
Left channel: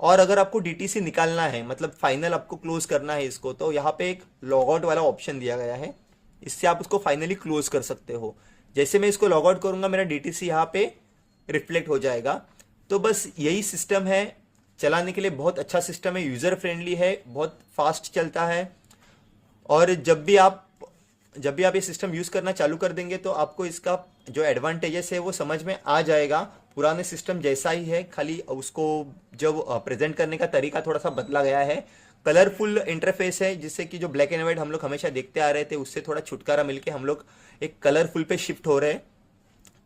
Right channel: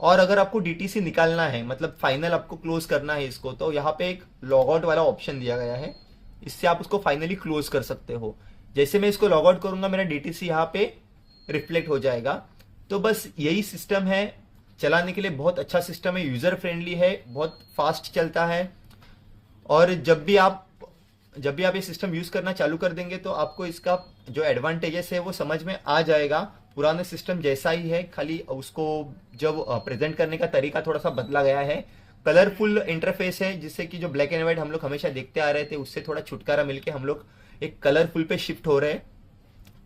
और अगर आपको डीटीसी निकालना है, मतलब फाइनल आपको क्लोज करना है इसको, तो यहाँ पे एक लॉग आउट वाला ऑप्शन दिया गया है, इससे आप उसको फाइनली क्लोज कर सकते हो। जैसे मैं इसको लॉग आउट करूंगा मेरा डीटीसी यहाँ पे रिफ्लेक्ट हो जाएगा। तो बस यही सिस्टम है, चलाने के लिए बहुत अच्छा सिस्टम है, यूजर फ्रेंडली है, बहुत फास्ट चलता है। और जब भी आप ये सिस्टम यूज करना चालू कर देंगे तो आपको इसका जो एडवांटेजेस है वो समझ में आ जाएगा। पुराने सिस्टम जैसा ही है, खाली उसको जब प्रेजेंट करने का तरीका थोड़ा सा बदला गया है। कलरफुल इंटरफेस है, जिससे कि जो ब्लैक एंड व्हाइट हम लोग हमेशा देखते आ रहे थे उससे थोड़ा छुटकारा मिलके हम लोग एक कलरफुल पे शिफ्ट हो रहे हैं।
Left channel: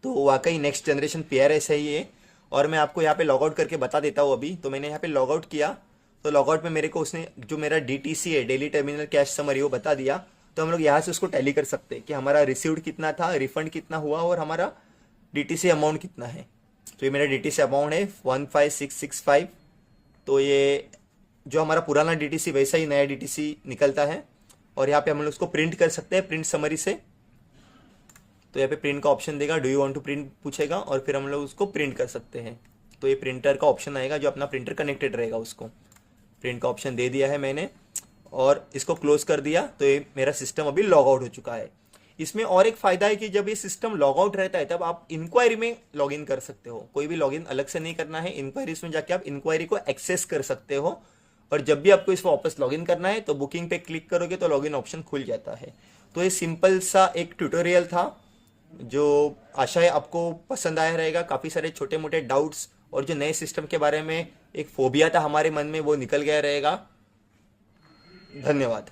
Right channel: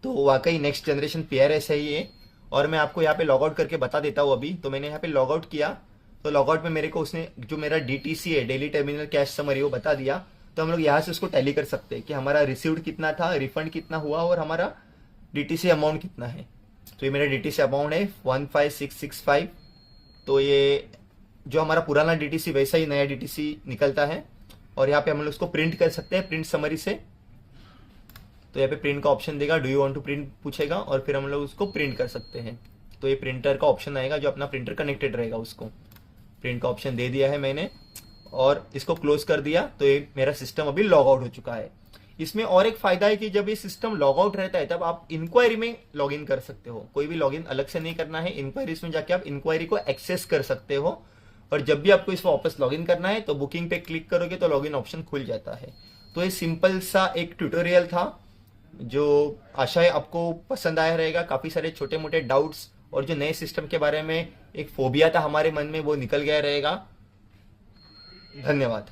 तो वाकई नेक्स्ट जनरेशन PRS है ये। और मैं आपको यहाँ पे लॉग आउट करके बता देता हूँ अभी। तो मैंने यहाँ पे लॉग आउट किया, तो लॉग आउट में मेरे को उसने जो मेरा DTC है, डेली टर्मिनल कैश समरी, वो बता दिया। तो हम लोग यहाँ से उसको टैली कर सकते हैं कि हमारा रिसीव्ड कितना था, रिफंड कितना हुआ और हमारा DTC अमाउंट कितना है। तो ये मेरा DTC अमाउंट है 15665। तो ये जो हमारा पुराना DTC वैसा ही नया DTC निकलता है। और यहाँ पे हम लोग उसको प्रिंट कर सकते हैं प्रिंट समरी से। तो यहाँ पे प्रिंट का ऑप्शन देगा, do you want to print पूछेगा, और फिर हम लोग उसको प्रिंट कर सकते हैं। तो ये प्रिंटर का ऑप्शन आएगा, जो अपना प्रिंटर कनेक्टेड रहेगा उसको प्रिंट का ऑप्शन दे दिया है मैंने, और इसको क्लोज कर दिया। तो ये मेरा सिस्टम अभी लॉग आउट हो चुका है। इसमें और एक फायदा है कि जब ये सिस्टम लॉग आउट रहता है तब आप इंक्वायरी में लॉग इन कर सकते हो। कोई भी लॉग इन अलग से नहीं करना है, इंक्वायरीज में जाके आप इंक्वायरी को एक्सेस कर सकते हो। और जब भी आपको इसको वापस लॉग इन करना है तो बुकिंग पे क्लिक करोगे तो लॉग इन ऑप्शन खुल जाता है। तो ये सिंपल सा एक ट्यूटोरियल था, जो आशा है आपको पसंद आया रहेगा। काफ़ी सारे छोटे मोटे डाउट्स और जो नए सिस्टम के बारे में एक फोबिया था हमारे मन में, वो निकल गया रहेगा। धन्यवाद।